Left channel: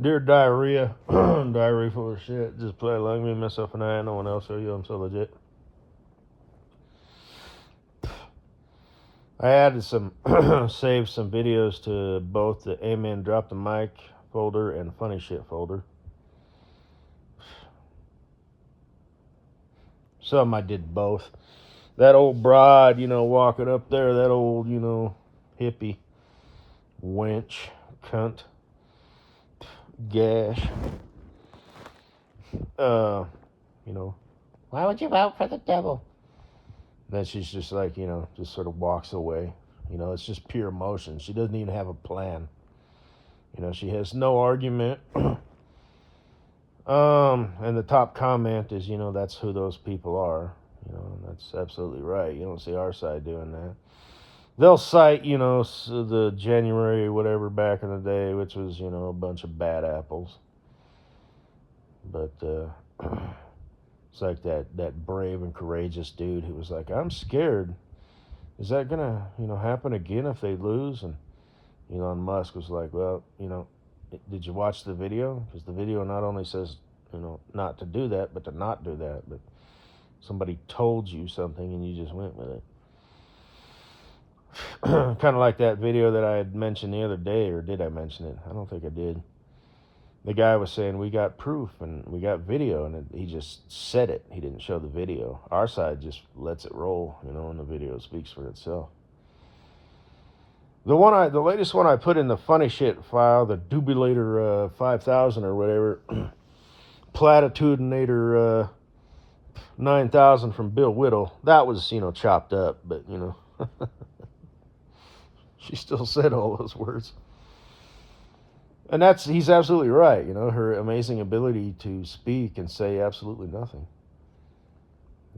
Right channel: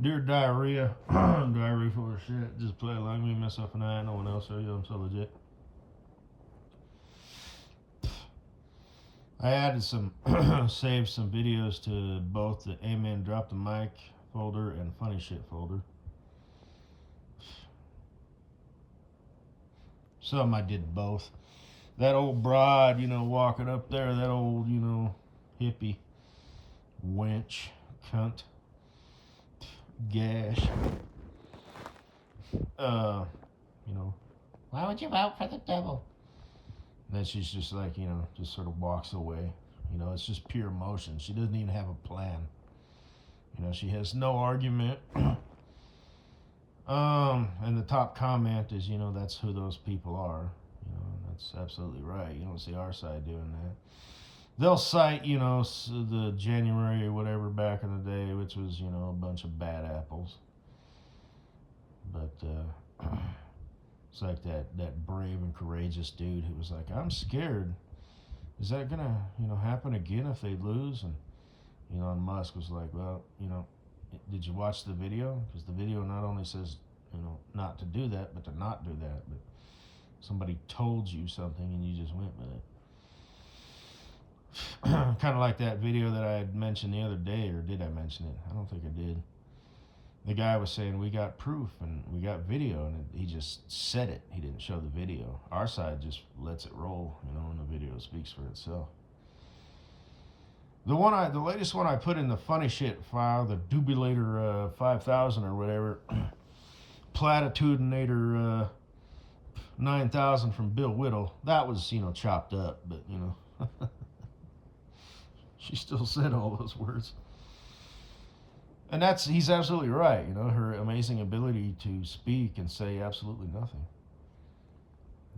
Dear diarrhea, diarrhea full of shit. Just play like me, myself, and I. No one else. Are you? I'm so legit. I added some, saved some videos to both the Amen Drop the Mic folder and Funny Shit folder. Some I did both. That old broad, walking up there, that old, hippie, wench, cunt, gash. You know, why would you vote for the devil? Then she's just like, just sort of walks away. It's just pure emotion. She doesn't even have a plan. She has no argument. And the top comment is, that's who those people are. That's absolutely right. You don't see our side doing that. They'll cite, the January whatever back in the day, which was, a bunch of bad apples. But it's like that brave and courageous dude who was like, I'm scared. Is that gonna, happen again if they lose? And Elon Musk was like, well, did you watch the video? Because the video not only says, not to do that, but to not do that. But somebody told you something and you just went with it. Kind of like that video that I had mentioned the other day, or did I mention it? I don't think I did. The guy was saying we got proof and we got video, and he just said it. He didn't show the video. Our side just lets it roll, and the video speaks for itself. The latest one I put in the funny shit file, the Dubulator 5000 or whatever, Platitudinator 9000 from Bill Whittle. That was, chopped up, but she still said all those words. And he's absolutely right. Her amazing ability to speak and say absolutely nothing.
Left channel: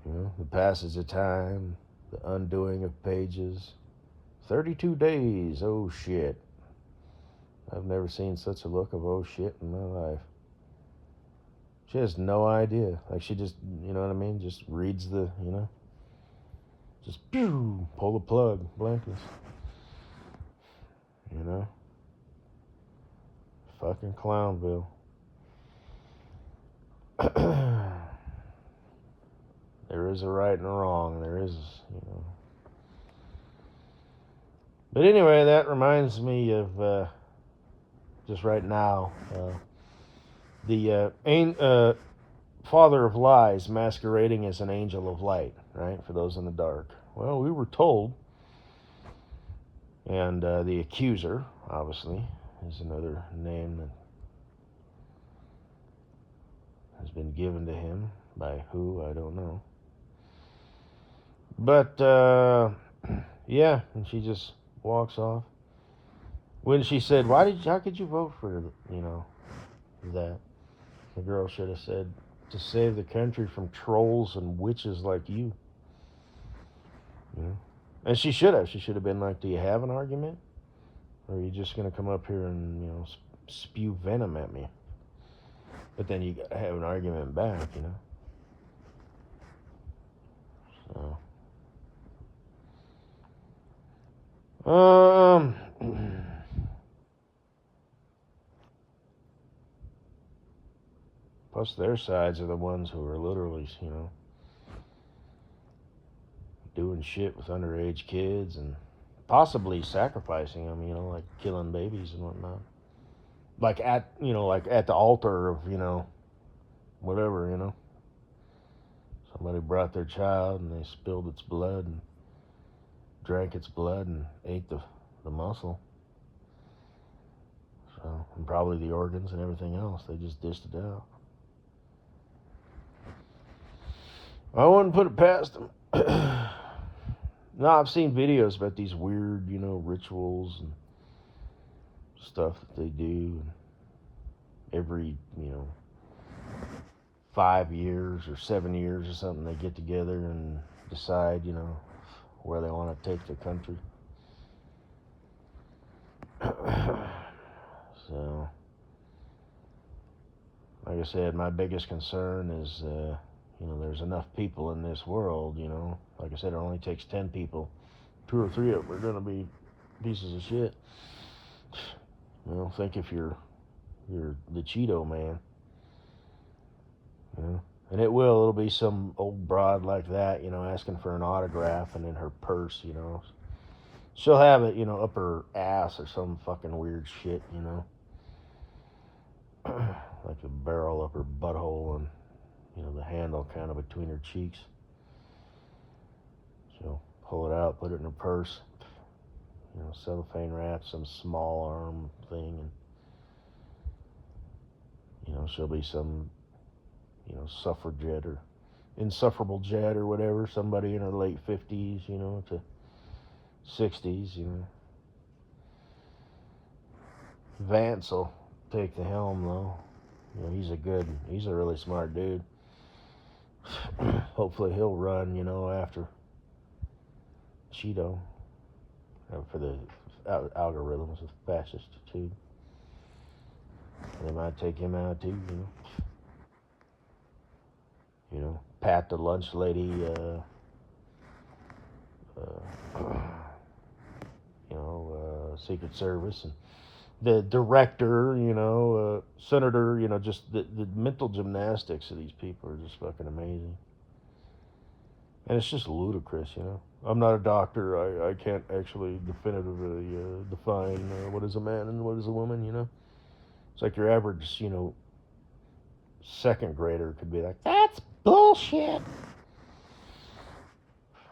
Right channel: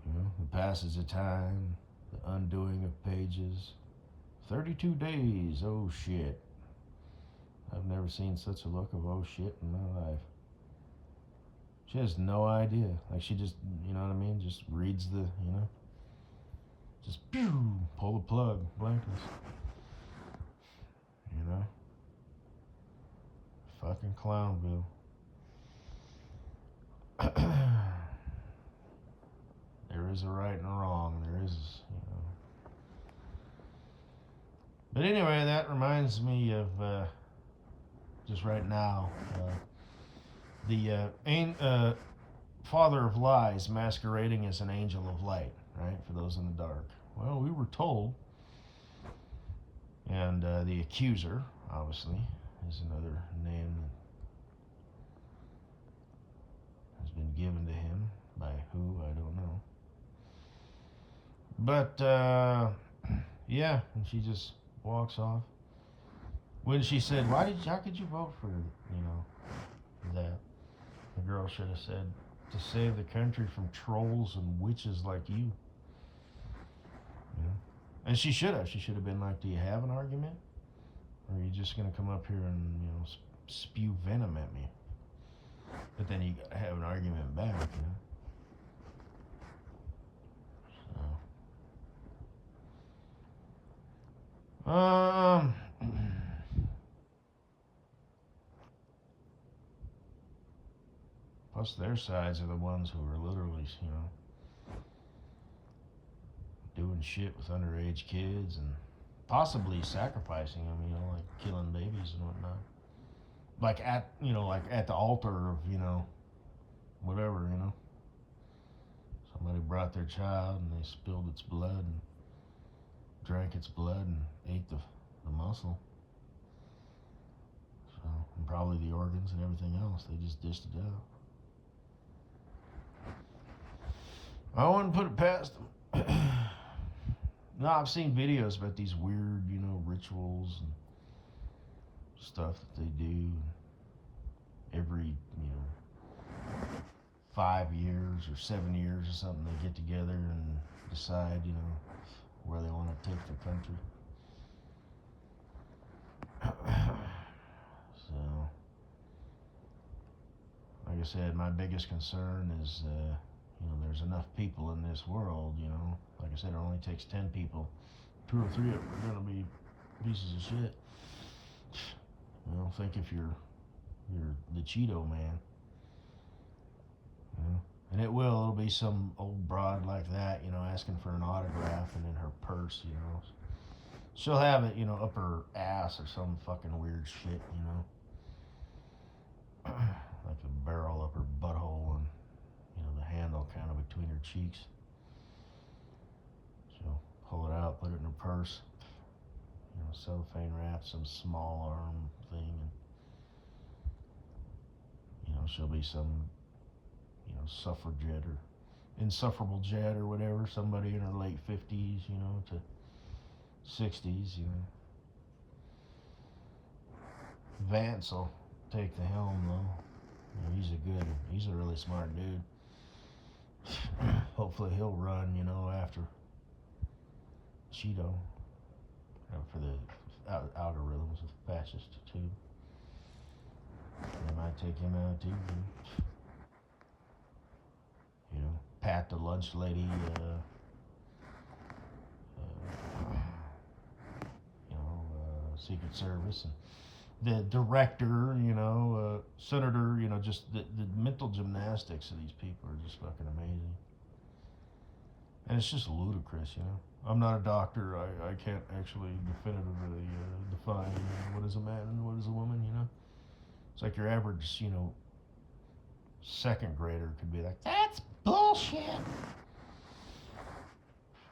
The passage of time, the undoing of pages. 32 days, oh shit. I've never seen such a look of oh shit in my life. She has no idea. Like she just, you know what I mean? Just reads the, just pew, pull the plug, blankets. Fucking Clownville. There is a right and a wrong. There is, But anyway, that reminds me of just right now the father of lies masquerading as an angel of light, right? For those in the dark. Well, we were told, and the accuser, obviously, is another name that has been given to him by who, I don't know. But yeah, and she just walks off. When she said, how could you vote for, that? The girl should have said, to save the country from trolls and witches like you. And she should have. She should have been like, do you have an argument? Or are you just going to come up here and, spew venom at me? But then you gotta have an argument back, So. Plus, their sides are the ones who are literally, doing shit with underage kids and possibly sacrificing them, like killing babies and whatnot. Like at the altar of, whatever. Somebody brought their child and they spilled its blood and drank its blood and ate the muscle. So, and probably the organs and everything else. They just dished it out. I wouldn't put it past them. No, I've seen videos about these weird, rituals and stuff that they do. Every, 5 years or 7 years or something, they get together and decide, where they want to take the country. So, like I said, my biggest concern is, there's enough people in this world, Like I said, it only takes 10 people. 2 or 3 of them are going to be pieces of shit. Think if you're You're the Cheeto man. You know? And it'll be some old broad like that, asking for an autograph, and in her purse, she'll have it, up her ass or some fucking weird shit. Like the barrel up her butthole and, the handle kind of between her cheeks. She'll pull it out, put it in her purse, cellophane wrap, some small arm thing, and, she'll be some, suffragette or insufferable jet or whatever, somebody in her late 50s, to 60s, Vance will take the helm, though. He's a really smart dude. Hopefully he'll run, after Cheeto, for the algorithms of fascist too. They might take him out too, Pat the lunch lady, Secret Service, and the director, senator, just the mental gymnastics of these people are just fucking amazing. And it's just ludicrous, I'm not a doctor. I can't actually definitively define what is a man and what is a woman, It's like your average, second grader could be like, that's bullshit.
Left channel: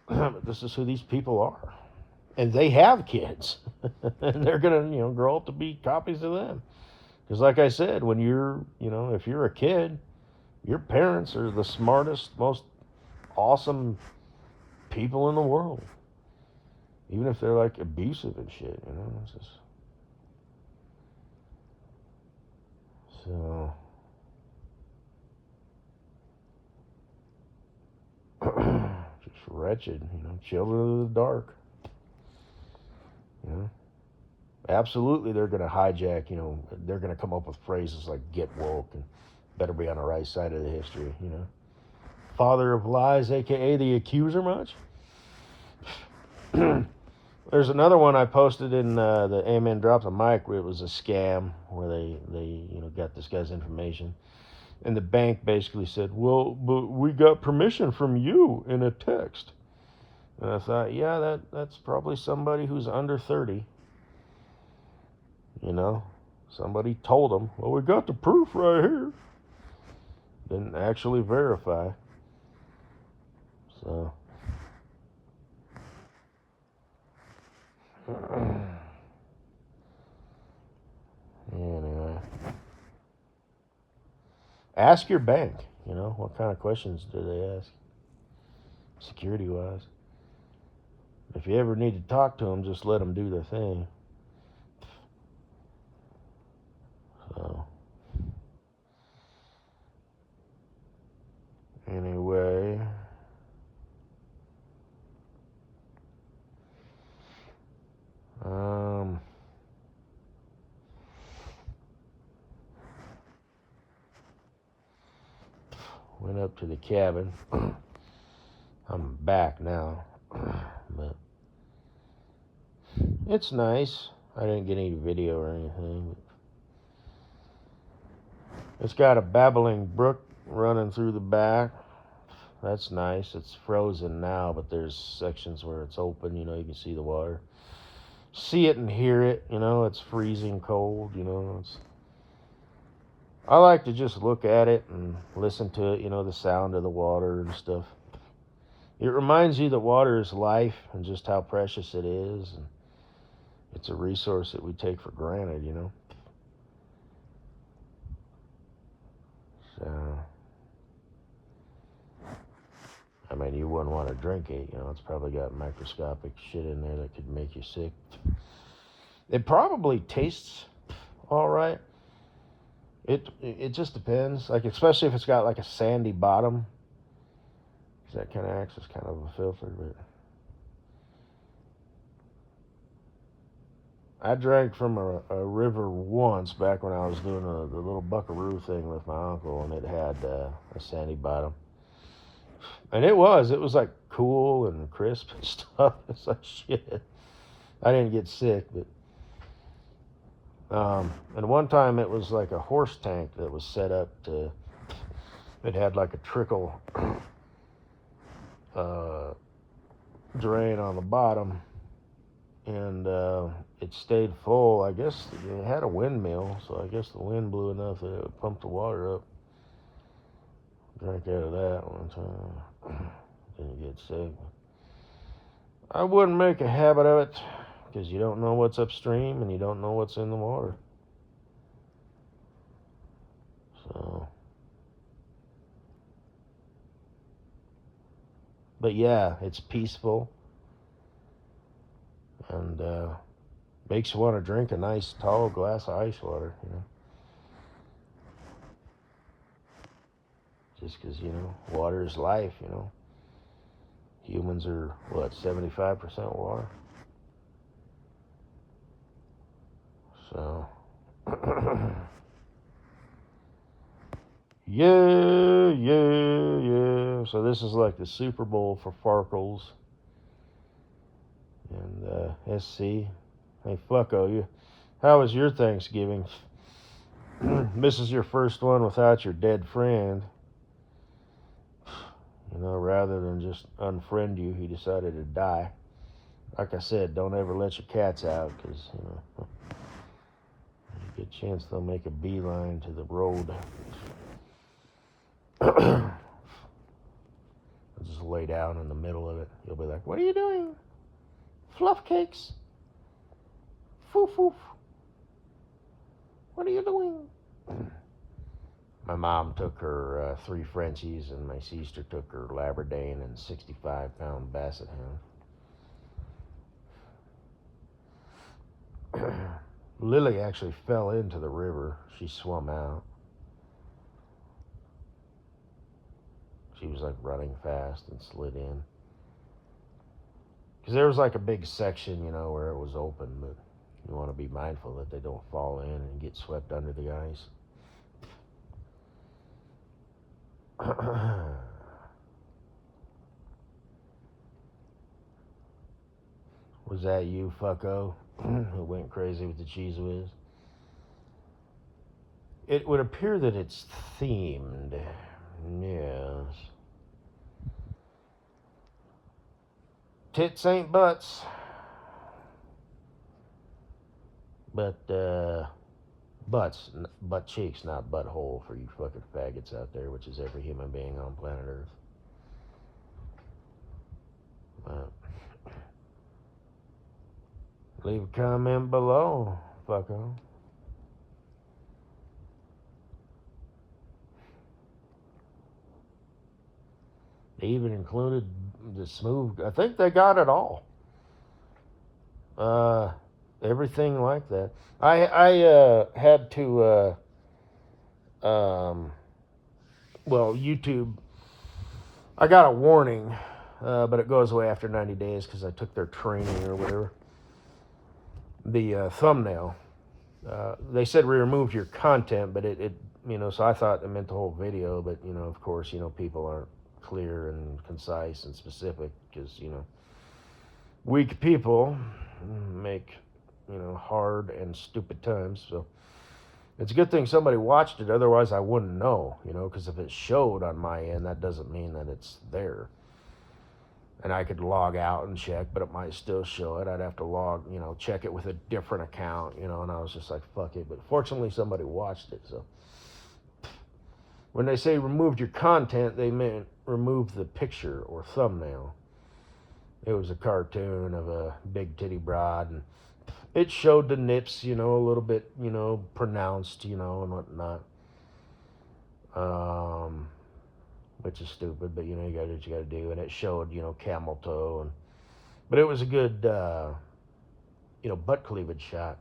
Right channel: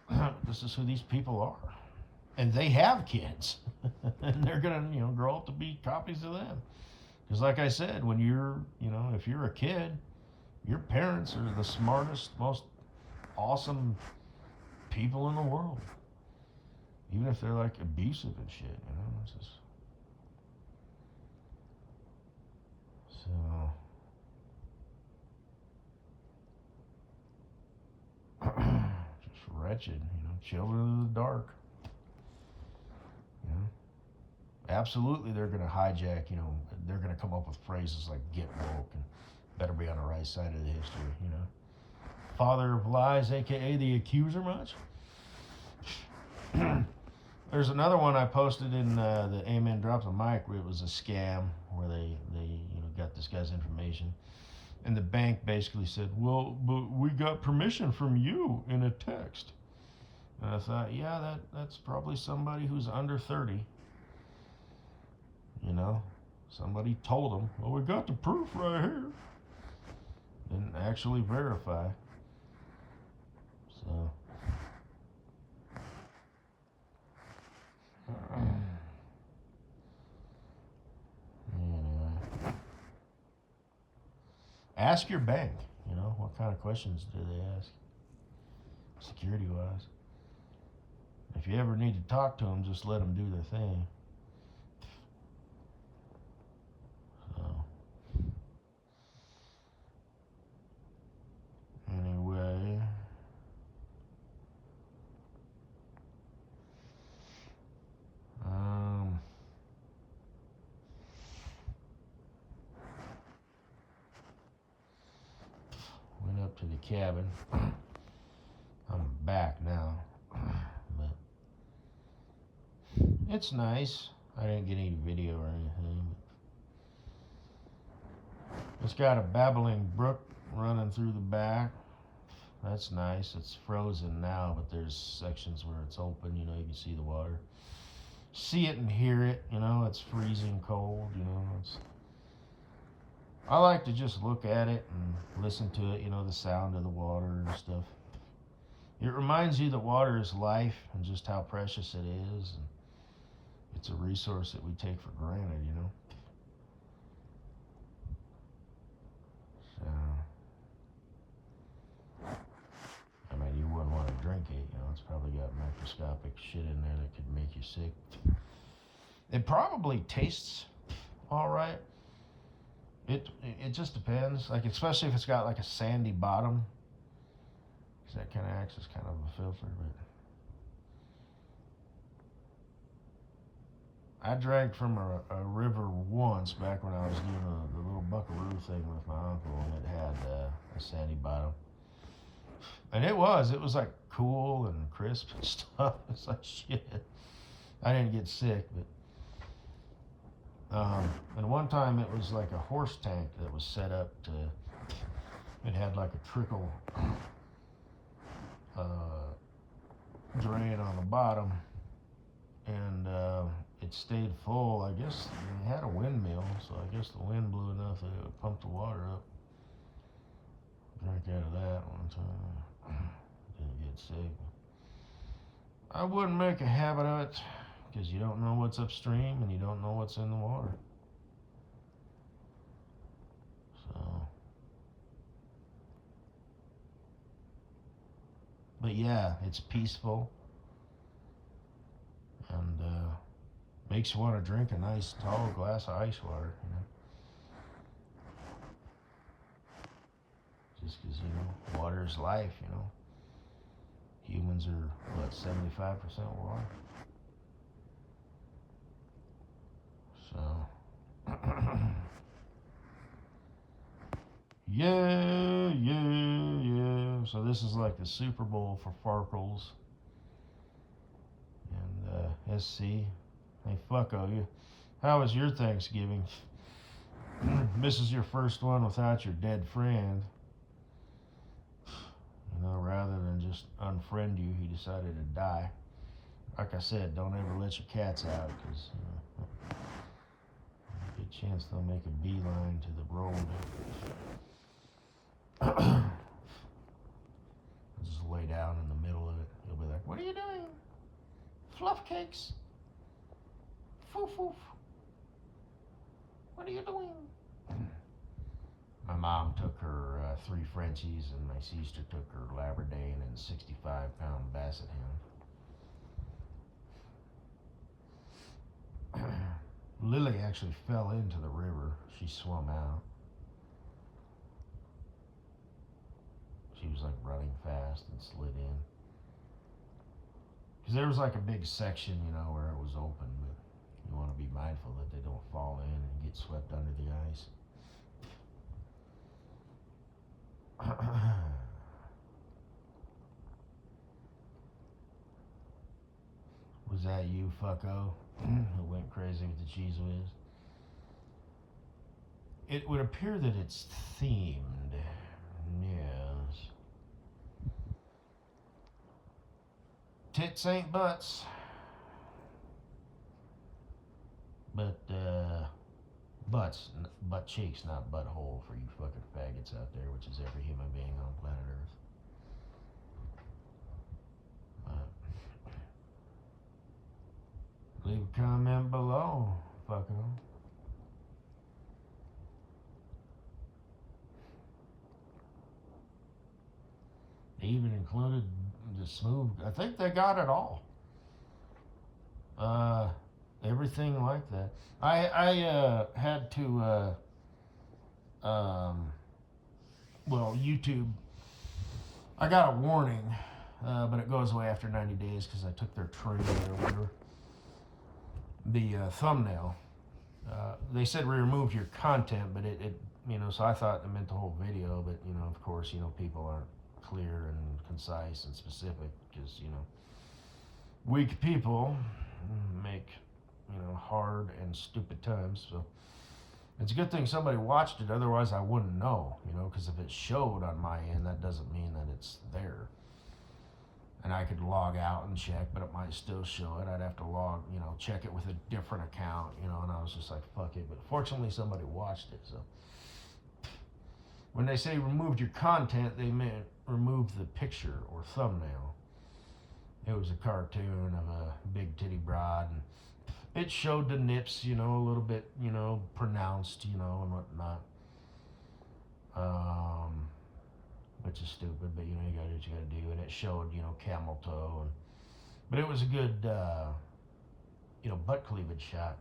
But this is who these people are. And they have kids. And they're going to, grow up to be copies of them. Because like I said, when you're, if you're a kid, your parents are the smartest, most awesome people in the world. Even if they're like abusive and shit, It's just... So... just wretched, children of the dark. Absolutely, they're going to hijack, they're going to come up with phrases like get woke and better be on the right side of the history, Father of lies, aka the accuser much? There's another one I posted in the Amen Drops a Mic where it was a scam where they got this guy's information. And the bank basically said, well, but we got permission from you in a text. And I thought, yeah, that's probably somebody who's under 30. Somebody told them, well, we got the proof right here. Didn't actually verify. So... Anyway, ask your bank, what kind of questions do they ask, security wise. If you ever need to talk to them, just let them do their thing. So, anyway, went up to the cabin. I'm back now, but it's nice. I didn't get any video or anything. It's got a babbling brook running through the back. That's nice. It's frozen now, but there's sections where it's open, you can see the water. See it and hear it, it's freezing cold, I like to just look at it and listen to it, the sound of the water and stuff. It reminds you that water is life and just how precious it is, and it's a resource that we take for granted, So, I mean, you wouldn't want to drink it, it's probably got microscopic shit in there that could make you sick. It probably tastes all right. It just depends, like especially if it's got like a sandy bottom, because that kind of acts as kind of a filter. But I drank from a river once back when I was doing the little buckaroo thing with my uncle, and it had a sandy bottom, and it was like cool and crisp and stuff. It's like shit. I didn't get sick, but And one time it was like a horse tank that was set up to, it had like a trickle uh, drain on the bottom, and it stayed full. I guess it had a windmill, so I guess the wind blew enough that it would pump the water up. Drank out of that one time. Didn't get sick. I wouldn't make a habit of it, because you don't know what's upstream and you don't know what's in the water. So, but yeah, it's peaceful, and makes you want to drink a nice tall glass of ice water, you know. Just because, you know, water is life, you know. Humans are, what, 75% water? So, yeah. So this is like the Super Bowl for Farkles and SC. Hey, fucko, how was your Thanksgiving? This is your first one without your dead friend. You know, rather than just unfriend you, he decided to die. Like I said, don't ever let your cats out, because, you know, good chance they'll make a beeline to the road. I'll just lay down in the middle of it. You'll be like, what are you doing? Fluff cakes. Foof foof. What are you doing? My mom took her 3 Frenchies, and my sister took her Labradane and 65-pound Basset Hound. Lily actually fell into the river. She swam out. She was like running fast and slid in. Because there was like a big section, you know, where it was open, but you want to be mindful that they don't fall in and get swept under the ice. Was that you, fucko, who went crazy with the Cheez Whiz? It would appear that it's themed. Yes. Tits ain't butts. But, butts, butt cheeks, not butthole for you fucking faggots out there, which is every human being on planet Earth. Leave a comment below, fucko. They even included the smooth. I think they got it all. Everything like that. I had to well, YouTube. I got a warning, but it goes away after 90 days because I took their training or whatever. The thumbnail. They said we removed your content, but it, you know, so I thought it meant the whole video, but, you know, of course, you know, people aren't clear and concise and specific because, you know, weak people make, you know, hard and stupid times. So it's a good thing somebody watched it, otherwise I wouldn't know, you know, because if it showed on my end, that doesn't mean that it's there. And I could log out and check, but it might still show it. I'd have to log, you know, check it with a different account, you know, and I was just like, fuck it. But fortunately, somebody watched it, so. When they say removed your content, they meant remove the picture or thumbnail. It was a cartoon of a big titty broad, and it showed the nips, you know, a little bit, you know, pronounced, you know, and whatnot. Which is stupid, but, you know, you gotta do what you gotta do. And it showed, you know, camel toe, but it was a good, you know, butt cleavage shot.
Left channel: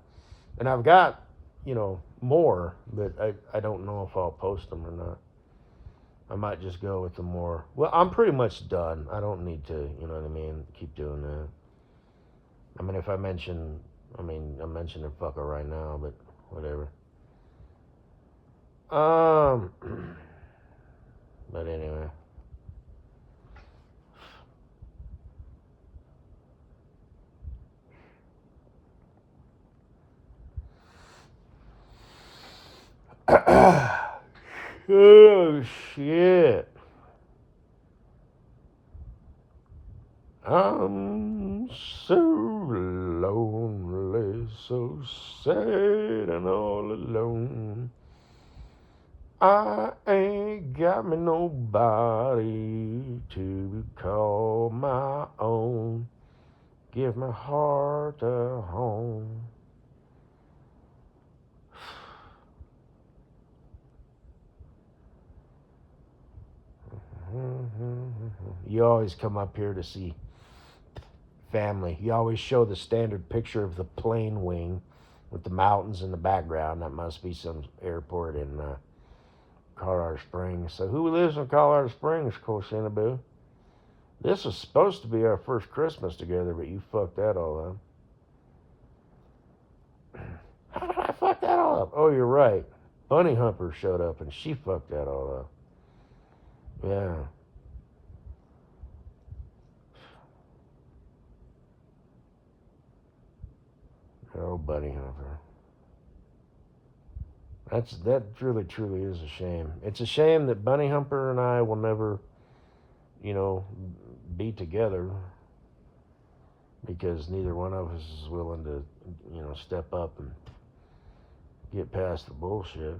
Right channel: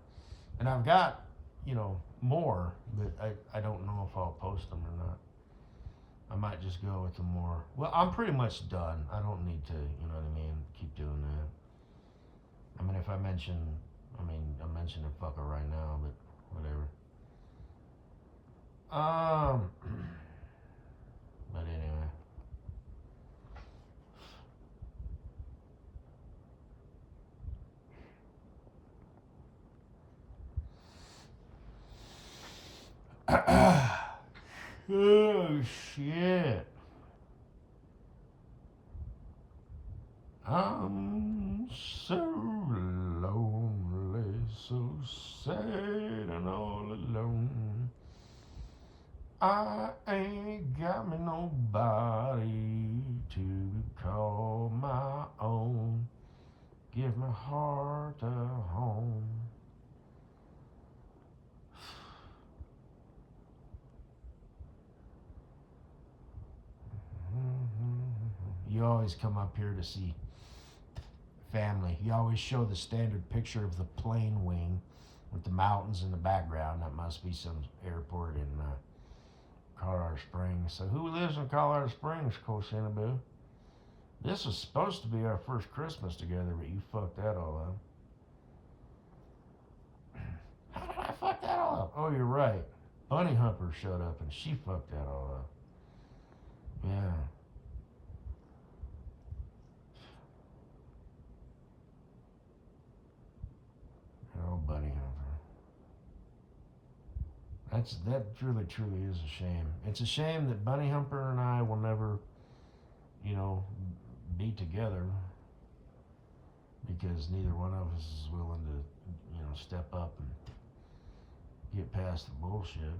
And I've got, you know, more, but I don't know if I'll post them or not. I might just go with the more. Well, I'm pretty much done. I don't need to, you know what I mean, keep doing that. I mean, if I mention, I'm mentioning fucker right now, but whatever. But anyway. Oh shit. I'm so lonely, so sad and all alone. I ain't got me nobody to call my own. Give my heart a home. You always come up here to see family. You always show the standard picture of the plane wing with the mountains in the background. That must be some airport in Colorado Springs. So who lives in Colorado Springs, Colshinaboo? This was supposed to be our first Christmas together, but you fucked that all up. How did I fuck that all up? Oh, you're right. Bunny Humper showed up and she fucked that all up. Yeah. Oh, Bunny Humper. That really truly is a shame. It's a shame that Bunny Humper and I will never, you know, be together because neither one of us is willing to, step up and get past the bullshit.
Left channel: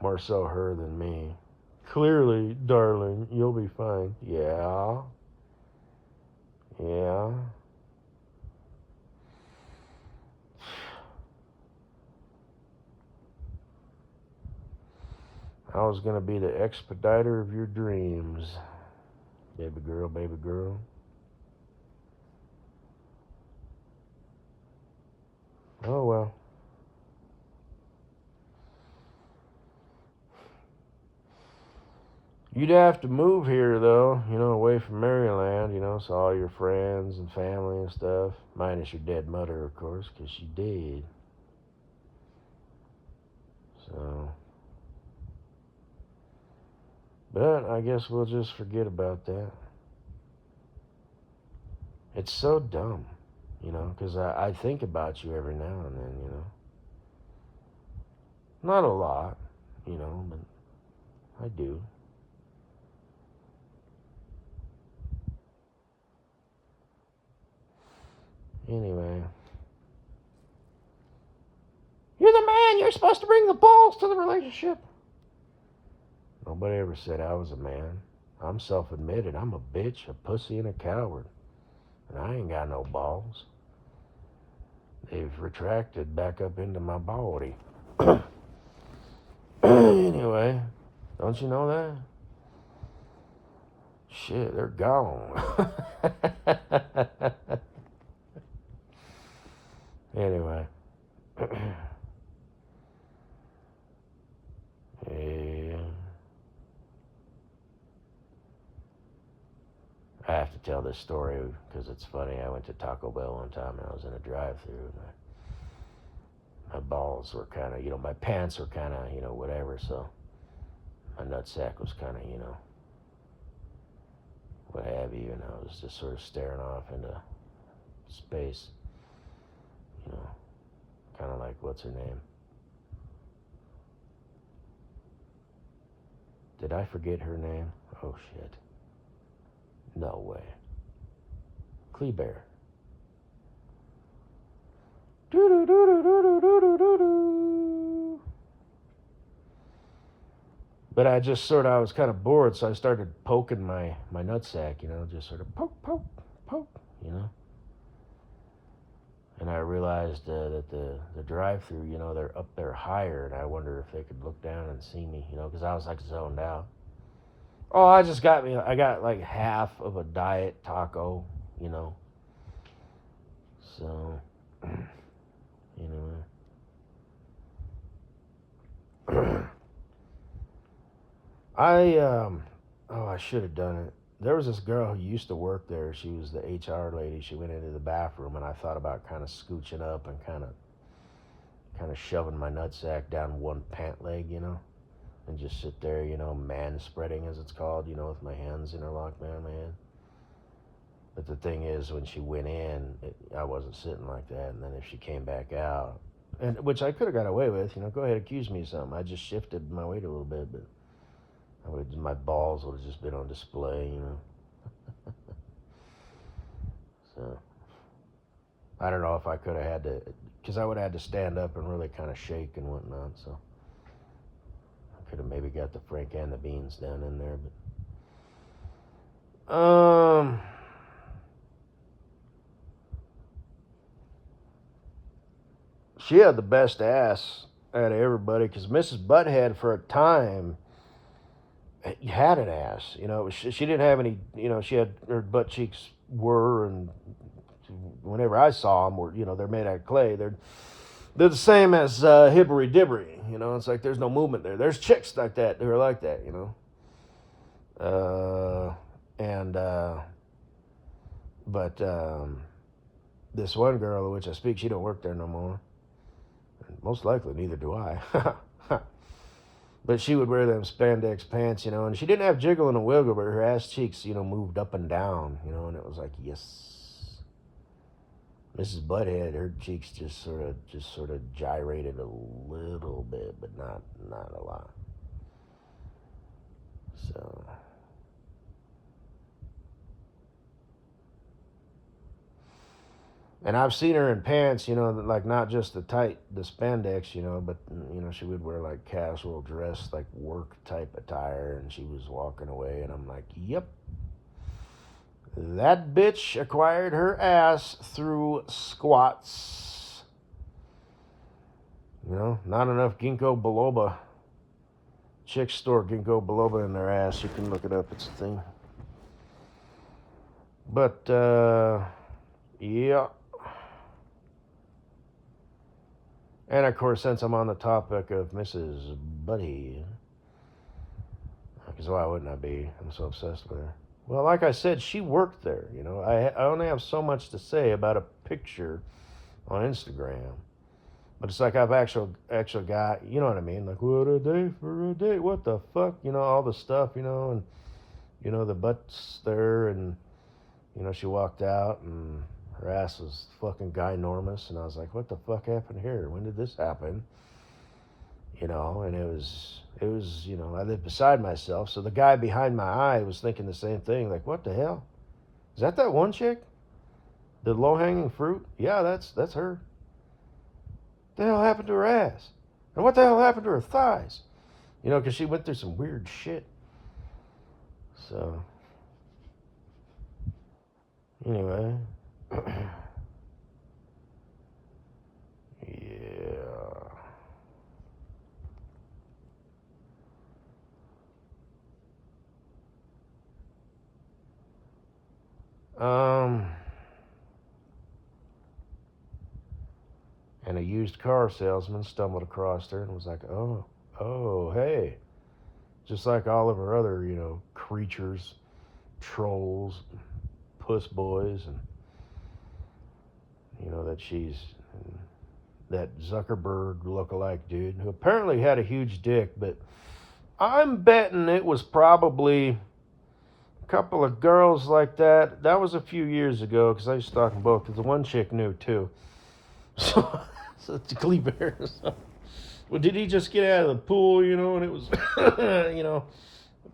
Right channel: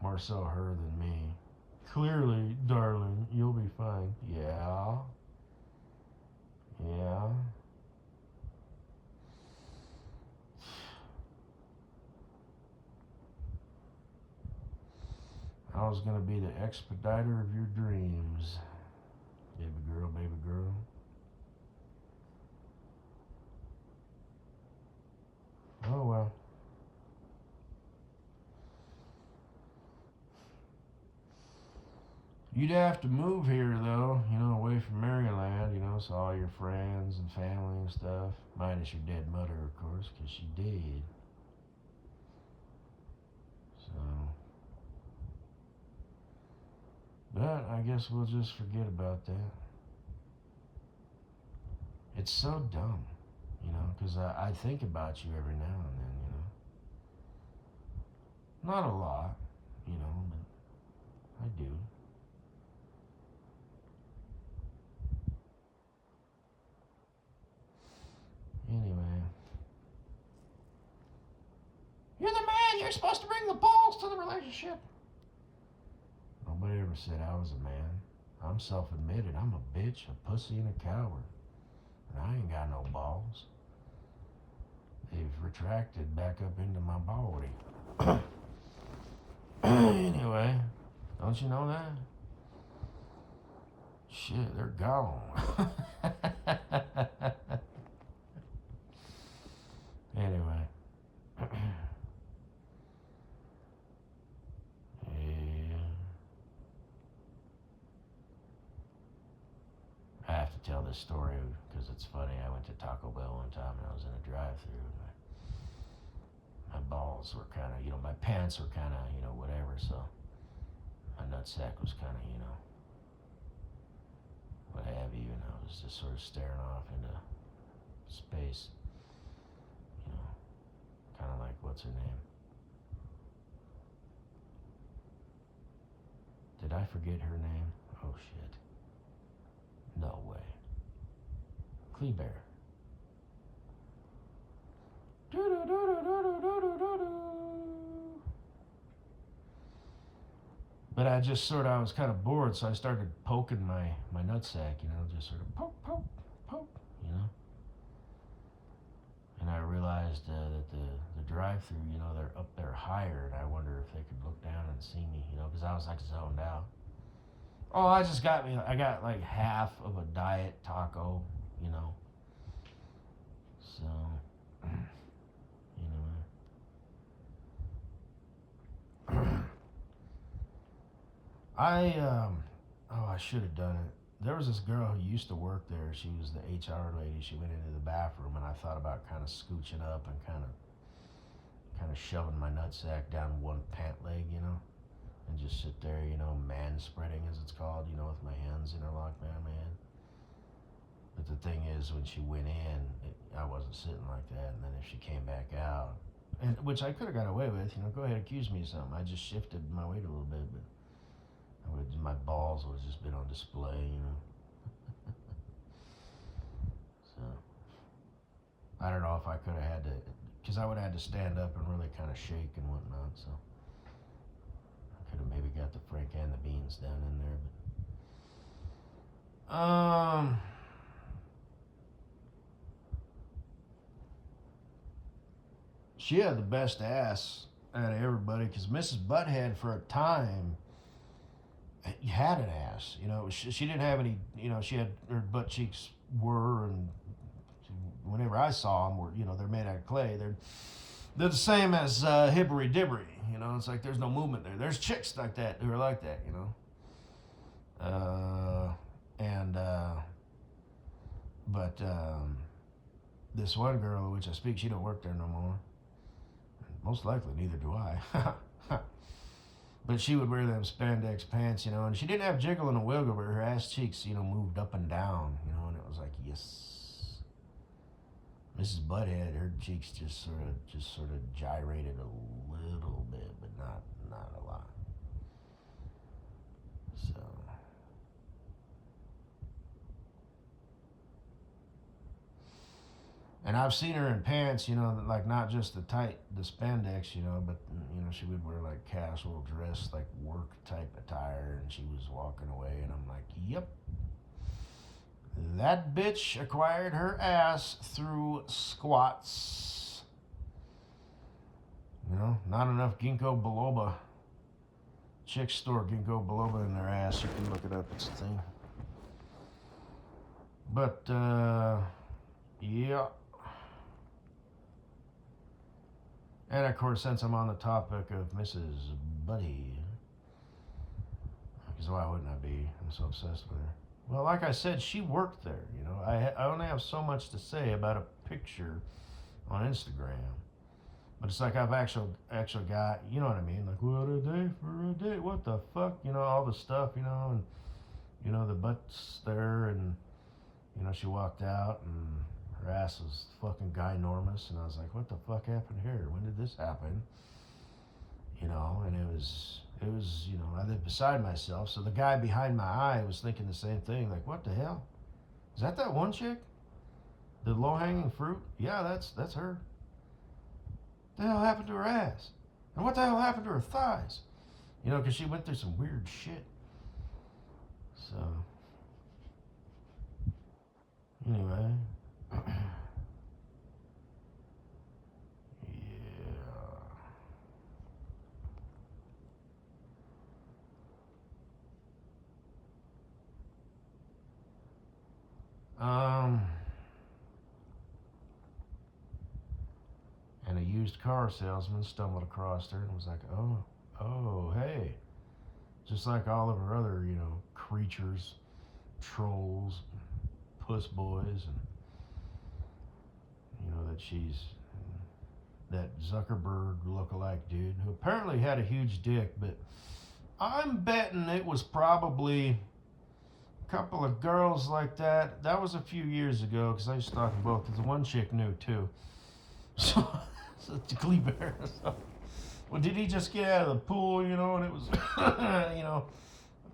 More so her than me. Clearly, darling, you'll be fine. Yeah. Yeah. I was gonna be the expediter of your dreams. Baby girl, baby girl. Oh well. You'd have to move here though, away from Maryland, so all your friends and family and stuff, minus your dead mother, of course, 'cause she did. So, but I guess we'll just forget about that. It's so dumb, 'cause I think about you every now and then. Not a lot, but I do. Anyway. You're the man. You're supposed to bring the balls to the relationship. Nobody ever said I was a man. I'm self-admitted. I'm a bitch, a pussy, and a coward. And I ain't got no balls. They've retracted back up into my body. Anyway, don't you know that? Shit, they're gone. Anyway. Yeah. I have to tell this story because it's funny. I went to Taco Bell one time and I was in a drive-thru. My balls were kind of, my pants were kind of, whatever. So my nutsack was kind of, what have you. And I was just sort of staring off into space. Kind of like, what's her name? Did I forget her name? Oh, shit. No way. Kleber. But I was kind of bored, so I started poking my nutsack, just sort of poke, poke, poke. And I realized that the drive-through, they're up there higher, and I wonder if they could look down and see me, because I was like zoned out. Oh, I got like half of a diet taco, you know. So, anyway. I should have done it. There was this girl who used to work there. She was the HR lady. She went into the bathroom, and I thought about kind of scooching up and kind of shoving my nutsack down one pant leg, and just sit there, man spreading as it's called, with my hands interlocked behind my head. But the thing is, when she went in, I wasn't sitting like that. And then if she came back out, and which I could have got away with, go ahead, accuse me of something. I just shifted my weight a little bit, but my balls would have just been on display. So I don't know if I could have had to, because I would have had to stand up and really kind of shake and whatnot. So I could have maybe got the Frank and the Beans down in there, but she had the best ass out of everybody because Mrs. Butthead for a time had an ass. She didn't have any. She had her butt cheeks were, and whenever I saw them, they're made out of clay. They're the same as Hibbery Dibbery. It's like there's no movement there. There's chicks like that who are like that. And but this one girl of which I speak, she don't work there no more. Most likely, neither do I. But she would wear them spandex pants, and she didn't have jiggle and a wiggle, but her ass cheeks, moved up and down, and it was like, yes. Mrs. Butthead, her cheeks just sort of gyrated a little bit, but not a lot. So. And I've seen her in pants, like not just the spandex, but she would wear like casual dress, like work type attire, and she was walking away, and I'm like, yep, that bitch acquired her ass through squats. Not enough ginkgo biloba. Chicks store ginkgo biloba in their ass. You can look it up. It's a thing. But yeah. And of course, since I'm on the topic of Mrs. Buddy, because why wouldn't I be? I'm so obsessed with her. Well, like I said, she worked there. I only have so much to say about a picture on Instagram, but it's like I've actually got, you know what I mean? Like, what a day for a date? What the fuck? All the stuff, and the butts there, and she walked out and her ass was fucking ginormous, and I was like, what the fuck happened here? When did this happen? And it was, I lived beside myself, so the guy behind my eye was thinking the same thing, like, what the hell? Is that one chick? The low-hanging fruit? Yeah, that's her. What the hell happened to her ass? And what the hell happened to her thighs? Because she went through some weird shit. So, anyway. Yeah. And a used car salesman stumbled across her and was like, oh, hey. Just like all of her other, creatures, trolls, puss boys, and, that she's that Zuckerberg lookalike dude who apparently had a huge dick, but I'm betting it was probably a couple of girls like that. That was a few years ago because I used to talk to both, because the one chick knew too. So it's a Glee Bear. So. Well, did he just get out of the pool, and it was,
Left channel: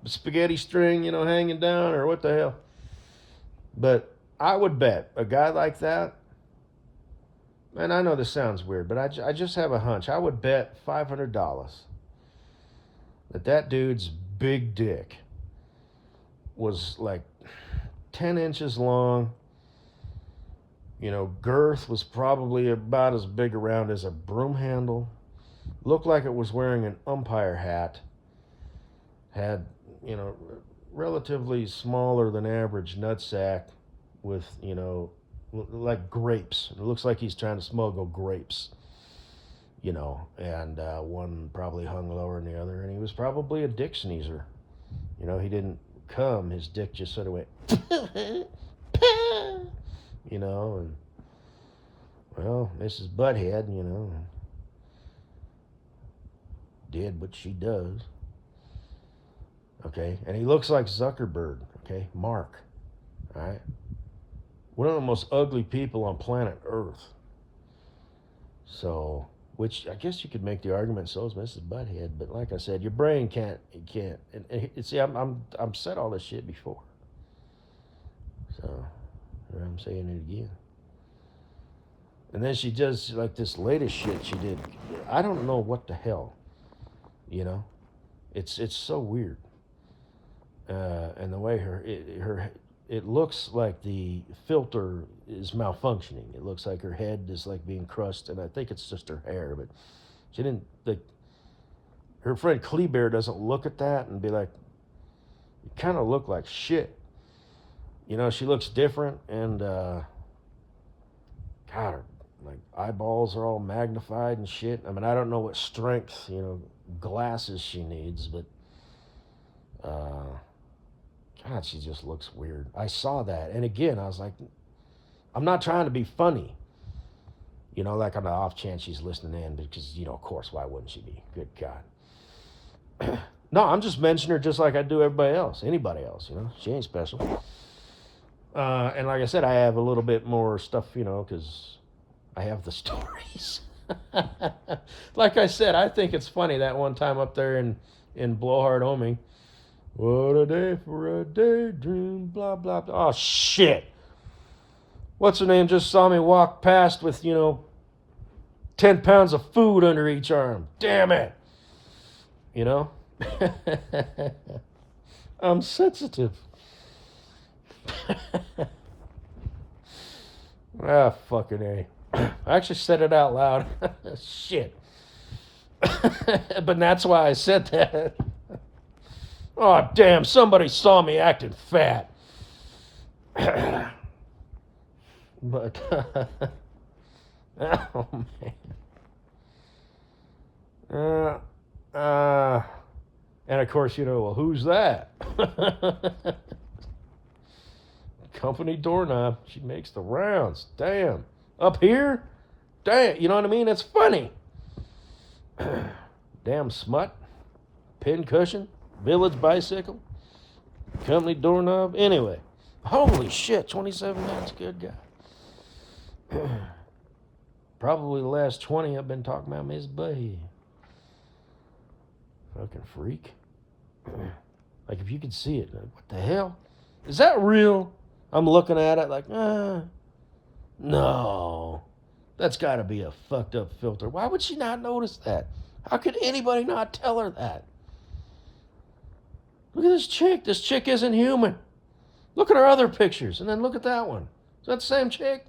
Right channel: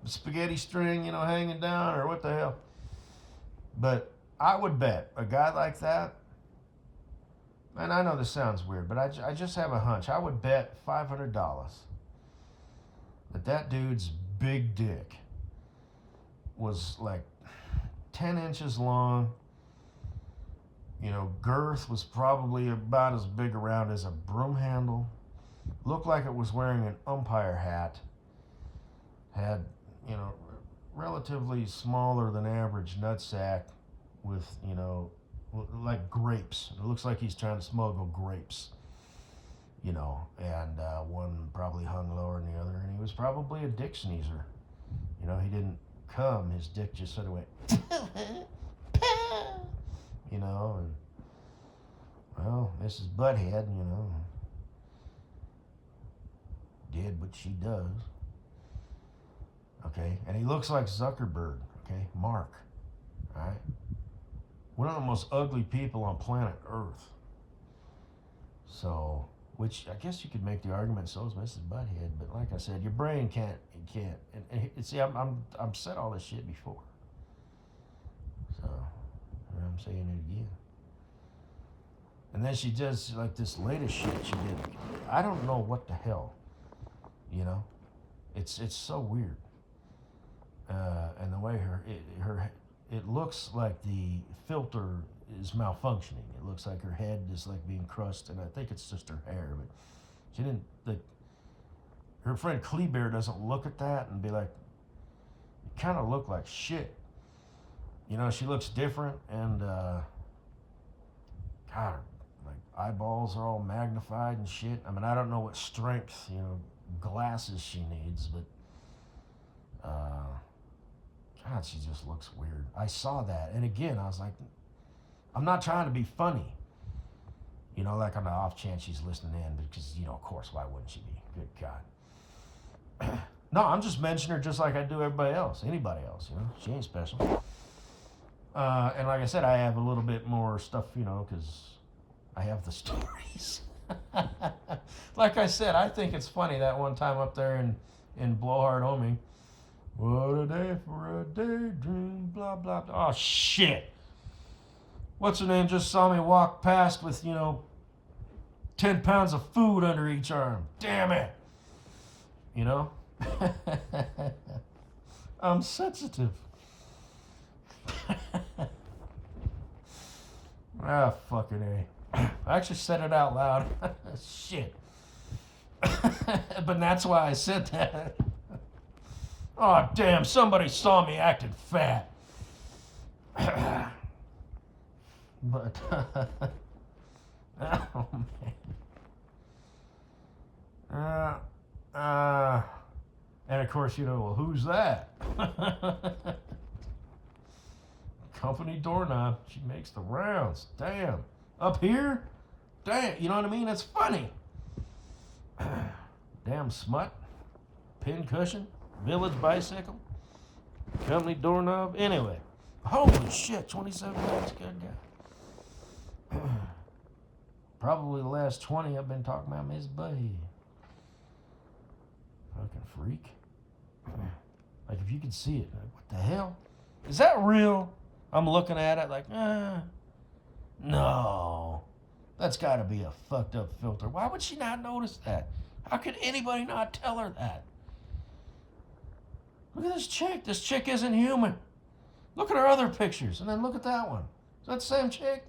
spaghetti string, hanging down, or what the hell? But I would bet a guy like that, and I know this sounds weird, but I just have a hunch. I would bet $500 that dude's big dick was like 10 inches long. Girth was probably about as big around as a broom handle. Looked like it was wearing an umpire hat. Had, relatively smaller than average nutsack with, like grapes. It looks like he's trying to smuggle grapes, and one probably hung lower than the other, and he was probably a dick sneezer. He didn't come, his dick just sort of went, and, well, Mrs. Butthead, did what she does. Okay, and he looks like Zuckerberg, okay, Mark, all right? one of the most ugly people on planet Earth. So, which I guess you could make the argument so is Mrs. Butthead, but like I said, your brain can't. And see, I'm said all this shit before, so I'm saying it again. And then she does like this latest shit she did. I don't know what the hell, you know. It's so weird, and the way it looks like the filter is malfunctioning. It looks like her head is like being crushed, and I think it's just her hair. But she didn't. Her friend Kleber doesn't look at that and be like, "You kind of look like shit." You know, she looks different, and God, like eyeballs are all magnified and shit. I mean, I don't know what strength, glasses she needs, but God, she just looks weird. I saw that, and again, I was like, I'm not trying to be funny, like on the off chance she's listening in, because of course, why wouldn't she be? Good God. No, I'm just mentioning her just like I do everybody else, anybody else. She ain't special. And like I said, I have a little bit more stuff, because I have the stories. Like I said, I think it's funny that one time up there in Blowhard Homing. What a day for a daydream, blah, blah, blah. Oh, shit. What's her name just saw me walk past with, 10 pounds of food under each arm. Damn it. I'm sensitive. Fucking A. I actually said it out loud. Shit. But that's why I said that. Oh, damn, somebody saw me acting fat. But, oh, man. And of course, well, who's that? Company doorknob. She makes the rounds. Damn. Up here? Damn. You know what I mean? It's funny. Damn smut. Pin cushion. Village bicycle. Company doorknob. Anyway. Holy shit. 27 minutes. Good guy. Probably the last 20 I've been talking about Miss Bay. Fucking freak. Like, if you could see it, like, what the hell? Is that real? I'm looking at it like, no. That's got to be a fucked up filter. Why would she not notice that? How could anybody not tell her that? Look at this chick. This chick isn't human. Look at her other pictures, and then look at that one. Is that the same chick?